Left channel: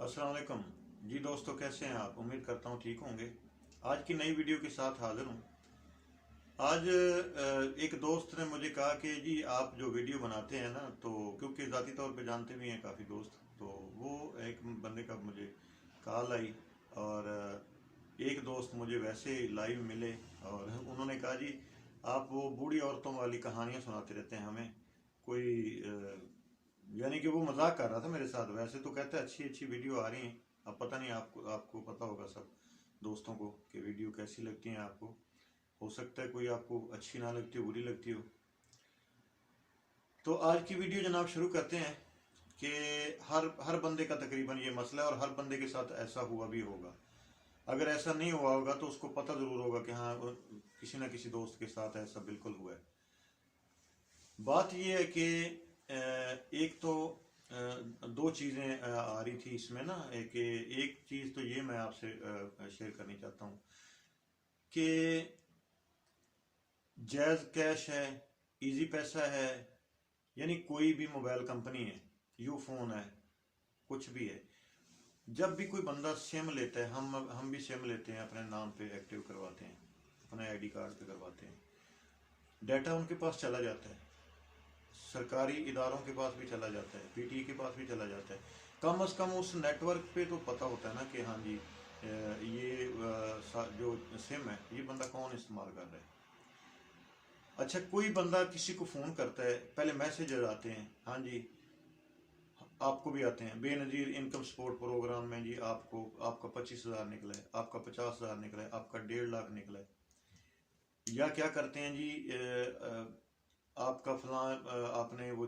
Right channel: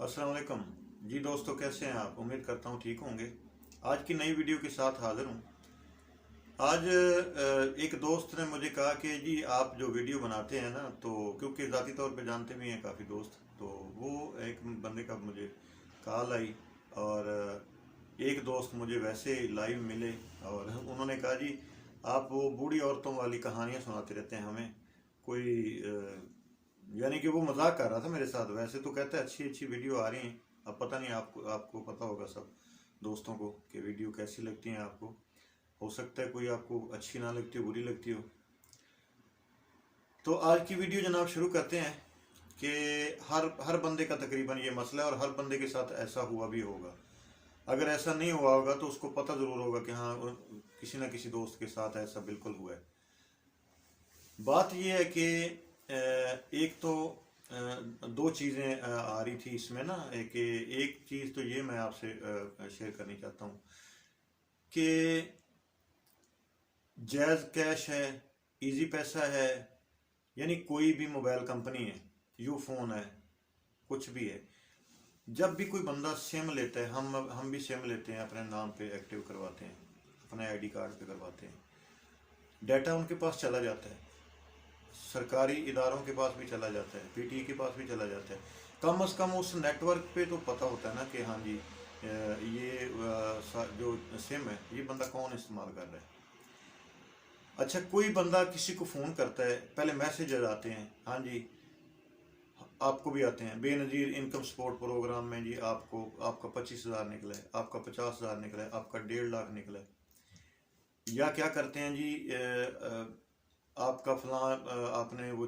अस्सलाम वालेकुम जी दोस्तों, कैसे हैं आप? उम्मीद करता हूँ ठीक होंगे। आज की नई वीडियो के साथ हाजिर हूँ। आज एक दोस्त ने मुझे कहा कि जी आप जो वीडियो बनाते हैं ना, तो क्योंकि ज़ाती तौर पे जानते भी हैं काफ़ी दोस्त, तो वो एक बंदे का मुझे कॉल आई और एक दोस्त मुझे वैसे लाइव मिले और उन्होंने कहा जी आप वो बूढ़ी औरतों वाली कहानियाँ सुनाते रहते हैं हमें। कोई यानी कि वो मजाक कर रहा था मेरे साथ। वैसे तो कहता है अच्छी अच्छी वीडियो आ रही हैं। अब पता नहीं, आपको आपको पता होगा सब दोस्तों को कि वीडियो कैसी लगती हैं आपको। हो सकता है कोई आपको अच्छी ना लगती हो, बुरी लगती हो। तो आज की वीडियो जनाब शुरू करते हैं कि हर हर बंदे का तकरीबन ये मसला है और हर बंदे के साथ ऐसा हुआ भी होगा। अगर ऐसा नहीं हुआ होगा तो उसको पता ज़रूर होगा कि हाँ किसी ना किसी दोस्त के साथ ऐसा बिल्कुल हुआ है। बात यह है कि एक तो दो चीज़ें आ रही थी इसमें ना, एक चीज़ तो ये मैं आपसे शेयर करनी चाहता हूँ कि जैज़ कैश है, इजी पैसा है, यानी कोई भी मोबाइल कंपनी है, यू फोन है, कुछ भी है। जब भी कोई बंदा सिम लेता है, हम भी सिम लेते हैं, अपने नाम पे एक्टिव करवाते हैं, अपने आईडी कार्ड पे करवाते हैं, डाटा उनके पास चला जाता है, सरकारी इदारों के पास भी चला जाता है, पीटीए के पास भी चला जाता है। कम अज़ कम उस नेटवर्क पे तो पता होता है ना कि हाँ जी ये जो सिम है ये बंदा कौन इस्तेमाल कर रहा है। अच्छा, कोई बंदा किसी को फ़ोन करता है, पहले मैसेज आते हैं, हाँ जी आपको भी आते हैं, बेनज़ीर इनकम सपोर्ट प्रोग्राम में जी आपको आपका 25,000 निकला है, आपका 50,000 निकला है, आपका 1.5 लाख निकला है। या क्या करते हैं जी आपका फलां आपने वो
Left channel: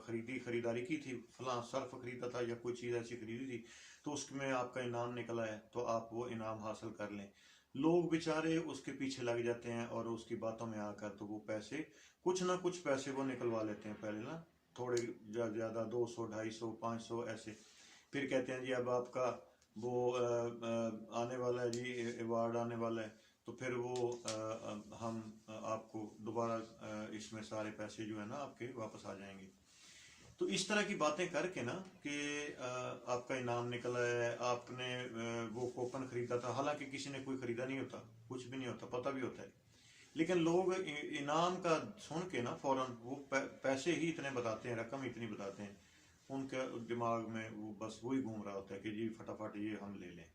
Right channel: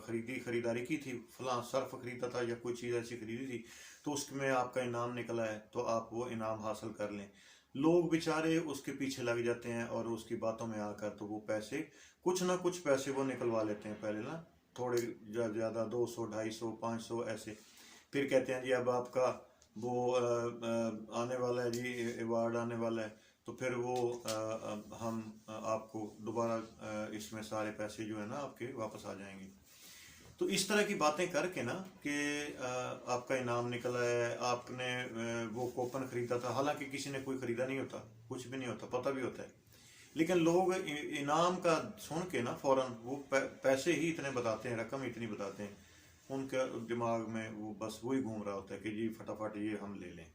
खरीदारी की थी, फलां सर्फ खरीदा था या कोई चीज़ ऐसी खरीदी थी, तो उसमें आपका इनाम निकला है, तो आप वो इनाम हासिल कर लें। लोग बेचारे उसके पीछे लग जाते हैं और उसकी बातों में आकर तो वो पैसे कुछ ना कुछ पैसे वो निकलवा लेते हैं पहले ना, थोड़े ज़्यादा 200 250 500 ऐसे। फिर कहते हैं जी अब आपका वो आने वाला है जी, अवार्ड आने वाला है, तो फिर वो हम आपको दोबारा इसमें सारे पैसे जो है ना आपके वापस आ जाएंगे। तो इस तरह की बातें करके ना कि आपका इनाम निकला है, आपने वो कूपन खरीदा था, हालांकि किसी ने कोई खरीदा नहीं होता, कुछ भी नहीं होता, पता भी होता है, लेकिन लोग इनाम का सुन के ना फौरन वो पैसे ही इतने बताते हैं, रकम इतनी बताते हैं, उनके दिमाग में वो बस वही घूम रहा होता है कि जी फटाफट ये हम ले लें।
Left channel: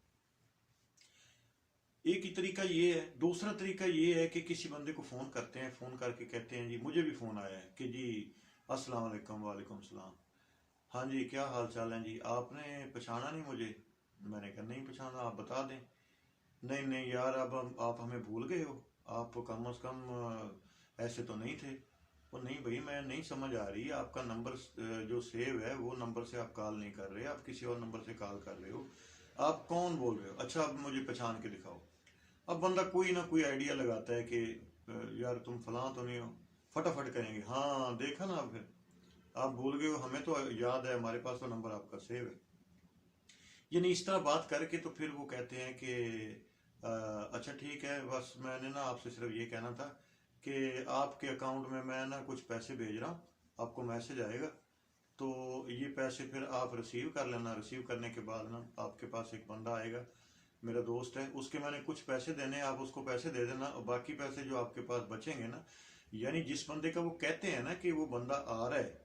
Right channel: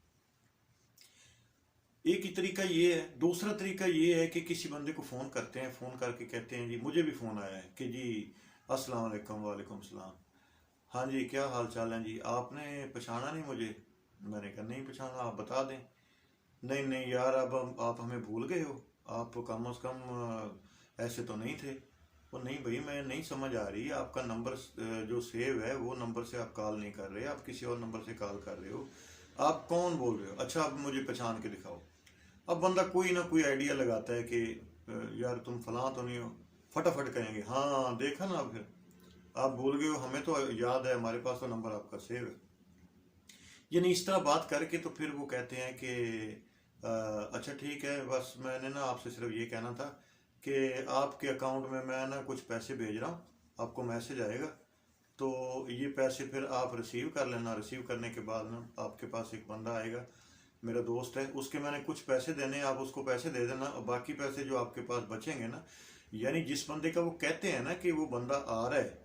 एक ही तरीका ये है। दूसरा तरीका ये है कि किसी बंदे को फ़ोन करते हैं, फ़ोन करके कहते हैं जी, मुझे भी फ़ोन आया है कि जी अस्सलाम वालेकुम। वालेकुम सलाम। हाँ जी क्या हाल चाल है जी, आपने पहचाना नहीं मुझे? मैंने कहा नहीं पहचाना, आप बता दें। नहीं नहीं यार, अब आप हमें भूल गए हो, आप कम अज़ कम ऐसे तो नहीं थे। वो नहीं भाई, मैं नहीं समझ आ रही, आपका नंबर जो सेव है वो नंबर से आप कॉल नहीं कर रहे, आप किसी और नंबर से कॉल कर रहे हो, आप कौन बोल रहे हो? अच्छा आप मुझे पहचान के दिखाओ। अब बंदा कोई ना कोई आइडिया लगाता है कि यार तुम फलां तो नहीं हो। फटाफट कहेंगे हाँ देखा ना, फिर आप भूल गए हो, हमें तो याद है, हमारे पास तो नंबर आपका सेव है। यानी इस तरह बात करके तो फिर वो कहते हैं कि अच्छा ठीक है, बस मैंने ना आपसे सिर्फ ये कहना था कि आपके अकाउंट में मैं ना कुछ पैसे भेज रहा हूँ, आपको मैसेज आएगा, तो ये पैसे फिर आप रिसीव कर लेना। रिसीव करने के बाद ना आपके पास एक बंदा आएगा, मेरा दोस्त है, उसके मैंने कुछ पैसे देने, आप उसको पैसे दे देना और बाकी पैसे जो आपके पास बचेंगे ना, यानी जिस बंदे का वो कहते हैं ना कि वो बंदा आ रहा है,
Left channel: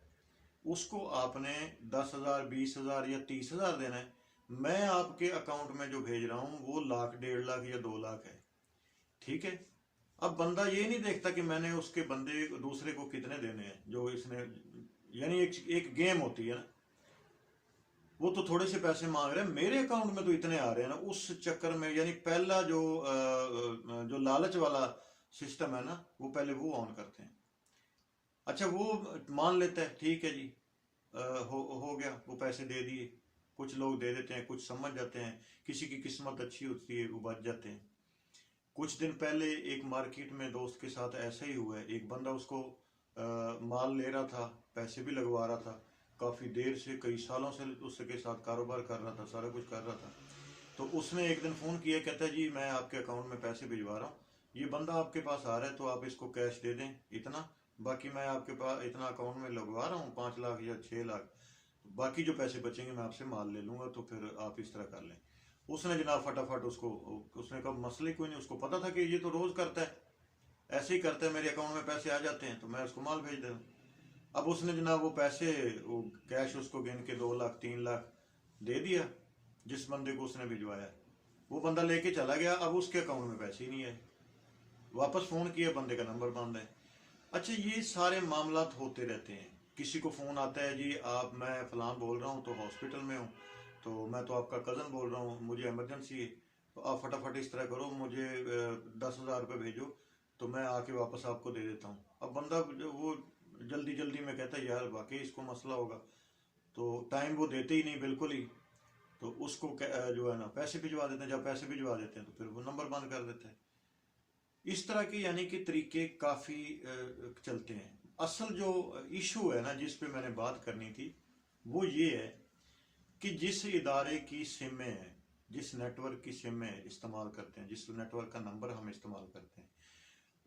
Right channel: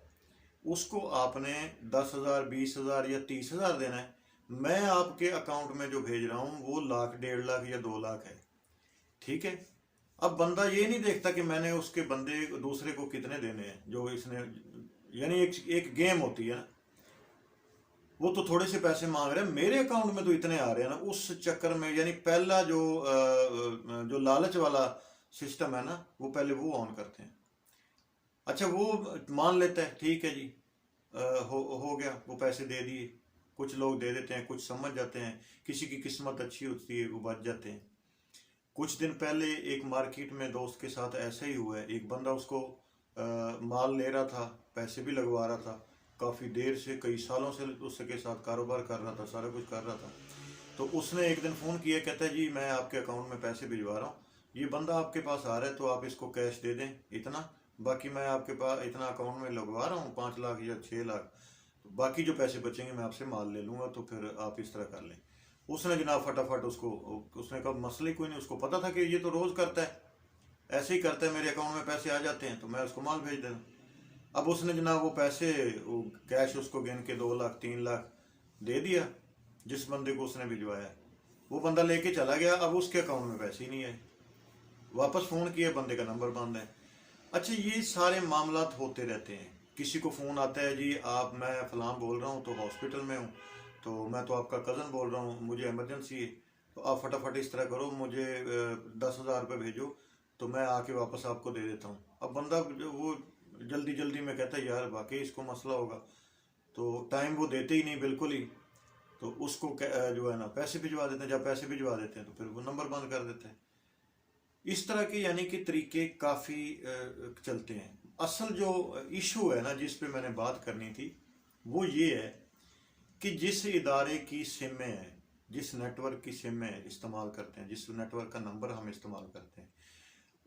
उसको आपने 10,000 20,000 या 30,000 देना है। मैं आपके अकाउंट में जो भेज रहा हूँ वो लाख 1.5 लाख या 2 लाख है, ठीक है। अब बंदा ये नहीं देखता कि मैंने उसके बंदे दूसरे को कितने देने हैं, जो इसने, यानी एक गेम होती है ना, वो तो थोड़े से पैसे मांग रहे हैं, मेरे अकाउंट में तो इतने आ रहे हैं ना, उस चक्कर में यानी पहला जो लालच वाला सिस्टम है ना, वो पहले वो ऑन करते हैं। अच्छा वो मान लेता है ठीक है जी, हो गया, वो पैसे दे दिए। कुछ लोग दे देते हैं, कुछ समझ जाते हैं, किसी की किस्मत अच्छी होती है वो बच जाते हैं। कुछ दिन पहले एक मार्केट में दोस्त के साथ ऐसा ही हुआ है, एक बंदा उसको माल ले रहा था, पैसे भी लगवा रहा था, काफ़ी देर से कई सालों से उसके साथ कारोबार कर रहा था, सारा कुछ कर रहा था। तो उसने एक दिन फ़ोन किया, कहता है जी मैं आपके अकाउंट में पैसे भिजवा रहा हूँ, ये बंदा आपके पास आ रहा है तो आप इसको कैश दे दें इतना, बाकी मैं आपके पास इतना अकाउंट में लगवा रहा हूँ 5 लाख या 6 लाख। तो باقی جو پیسے بچیں گے میں آپ سے مال لے لوں گا، تو پھر آپ اس طرح کر لیں۔ اس نے جناب فٹافٹ اس نے کہا مسئلہ ہی کوئی نہیں، اس کو پتا تھا کہ یہ تو روز کرتا ہے، ایسے ہی کرتا ہے، میرے اکاؤنٹ میں پیسے آ جاتے ہیں تو میں اس کو مال بھیج دیتا ہوں۔ اب اس نے جناب وہ پیسے، وہ کیش اس کو گن کے 2 لاکھ 3 لاکھ دے دیا جس بندے کو اس نے بھجوایا۔ وہ بندہ لے کے چلا گیا، اب اس کے اکاؤنٹ میں پیسے ہی نہیں آئے، واپس فون کیا، بندے کا نمبر بند ہے۔ اچھا، یہ سارے معاملات ہوتے رہتے ہیں۔ کسی کو فون آتا ہے، جی آپ، میں فلاں بول رہا ہوں تو ہاسپٹل میں ہوں، تو میں تو آپ کا کزن بول رہا ہوں، مجھے ایمرجنسی ہے، تو آپ فٹافٹ اس طرح کرو، مجھے 10,000 روپے بھیجو تو میں آ کے واپس آپ کو دے دیتا ہوں۔ اب بندہ وہ جلدی جلدی میں کہتا ہے یار واقعی اس کو مسئلہ ہوگا، تو ٹائم وہ دیتے ہی نہیں بالکل ہی، تو اس کو جو ہے نا پیسے بھجوا دیتے ہیں۔ جب پیسے بھجوا دیتے ہیں تو پھر وہ نمبر بند کر دیتے ہیں۔ اس طرح کے یعنی کہ طریقے کافی چلتے ہیں۔ اصل جو ایشو ہے نا جس پہ میں نے بات کرنی تھی وہ یہ ہے کہ جس ادارے کی سمیں ہیں، جس نیٹ ورک کی سمیں استعمال کرتے ہیں، جس نیٹ ورک کا نمبر ہم استعمال کرتے ہیں،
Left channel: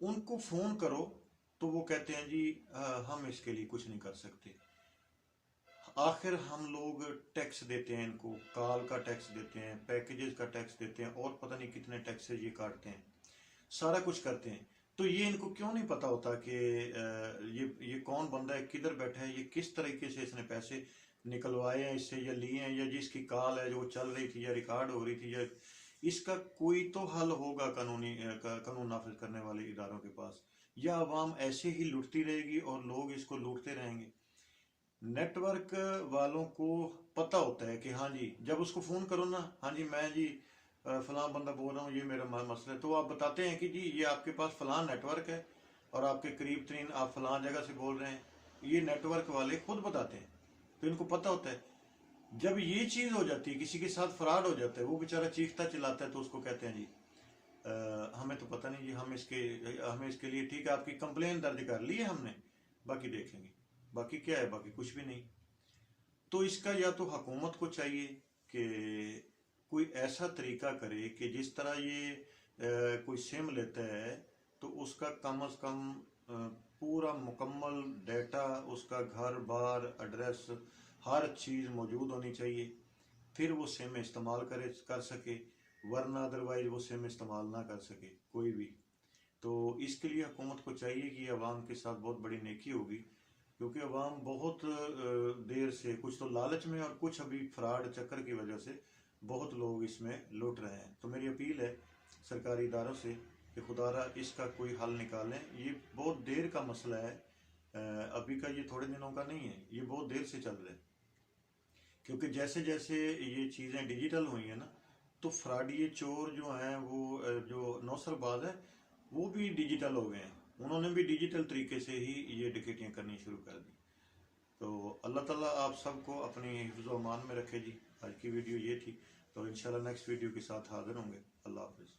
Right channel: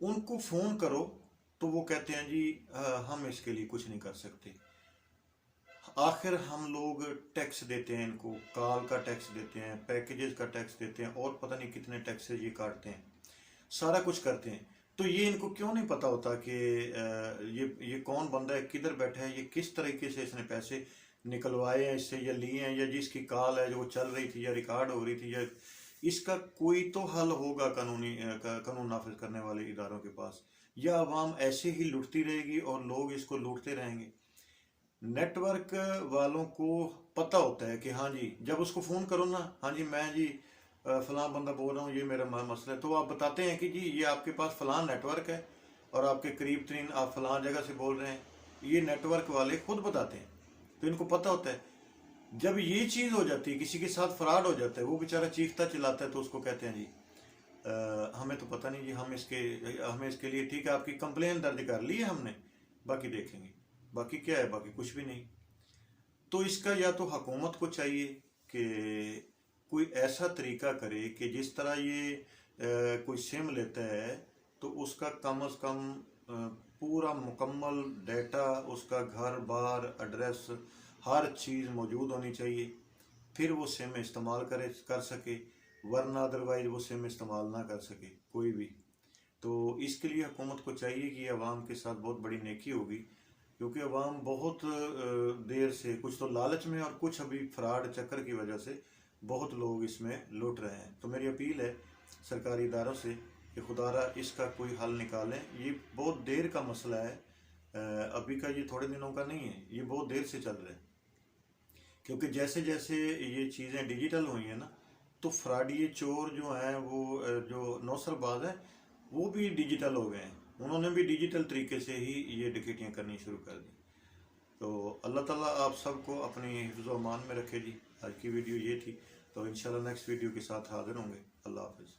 ان کو فون کرو تو وہ کہتے ہیں جی ہم اس کے لیے کچھ نہیں کر سکتے۔ آخر ہم لوگ ٹیکس دیتے ہیں، ان کو کال کا ٹیکس دیتے ہیں، پیکیجز کا ٹیکس دیتے ہیں، اور پتہ نہیں کتنے ٹیکسز یہ کاٹتے ہیں، سارا کچھ کرتے ہیں۔ تو یہ ان کو کیوں نہیں پتا ہوتا کہ یہ کون بندہ ہے، کدھر بیٹھا ہے، یہ کس طریقے سے اس نے پیسے نکلوائے ہیں اس سے یا لیے ہیں، یا جس کی کال ہے جو وہ چل رہی تھی یا ریکارڈ ہو رہی تھی، یا اس کا کوئی تو حل ہوگا قانون نافذ کرنے والے اداروں کے پاس، یا عوام ایسے ہی لٹتی رہے گی اور لوگ اس کو لوٹتے رہیں گے۔ نیٹ ورک والوں کو پتہ ہوتا ہے کہ ہاں جی، جب اس کو فون کرو نا، ہاں جی میں جی فلاں بندہ بول رہا ہوں، یہ میرا مسئلہ ہے، تو آپ بتاتے ہیں کہ جی یہ آپ کے پاس فلاں نیٹ ورک ہے اور آپ کے قریب ترین آپ فلاں جگہ سے بول رہے ہیں، یہ نیٹ ورک والے خود بتاتے ہیں، تو ان کو پتہ ہوتا ہے۔ جب یہ چیز ہو جاتی ہے، کسی کے ساتھ فراڈ ہو جاتا ہے، وہ بیچارہ چیختا چلاتا ہے، تو اس کو کہتے ہیں جی ہمیں تو پتہ نہیں جی، ہمیں اس کے لیے ٹھیک ہے، آپ کی کمپلین درج کر لی ہے ہم نے، باقی دیکھیں گے۔ باقی کیا ہے؟ باقی کچھ بھی نہیں۔ تو اس کا یا تو حکومت کو چاہیے کہ کوئی ایسا طریقہ کرے کہ جس طرح یہ کوئی سم لیتا ہے تو اس کا کم از کم پورا مکمل ڈیٹا، اس کا گھر بار ایڈریس ہر چیز موجود ہونی چاہیے، پھر وہ سم استعمال کر سکے، ورنہ ادروائز وہ سم استعمال نہ کر سکے کوئی بھی۔ تو اس کے لیے حکومت کو چاہیے کہ عوام کے ساتھ بہت بڑی نیکی ہوگی، کیونکہ عوام بہت دیر سے، کچھ تو لالچ میں اور کچھ ابھی فراڈ چکر کی وجہ سے بہت لوگ اس میں لوٹ رہے ہیں۔ تو میری اپیل ہے سرکاری اداروں سے کہ خدا را اس کا کوئی حل نکالیں۔ یہ بہت دیر کا مسئلہ ہے، ابھی کا، یہ تھوڑے دنوں کا نہیں ہے، یہ بہت دیر سے چل رہا ہے، کیونکہ جیسے جیسے یہ چیزیں ڈیجیٹل ہوئی ہیں نا، تو فراڈی چور جو ہیں، وہ جو نوسر باز ہیں، وہ بھی ڈیجیٹل ہو گئے ہیں، انہوں نے بھی ڈیجیٹل طریقے سے ہی یہ ڈکیتیاں کرنی شروع کر دی۔ تو اللہ تعالیٰ آپ سب کو اپنی حفظ و امان میں رکھے جی۔ آج کی ویڈیو یہ تھی، تو انشاءاللہ نیکسٹ ویڈیو کے ساتھ حاضر ہوں گے۔ اللہ حافظ۔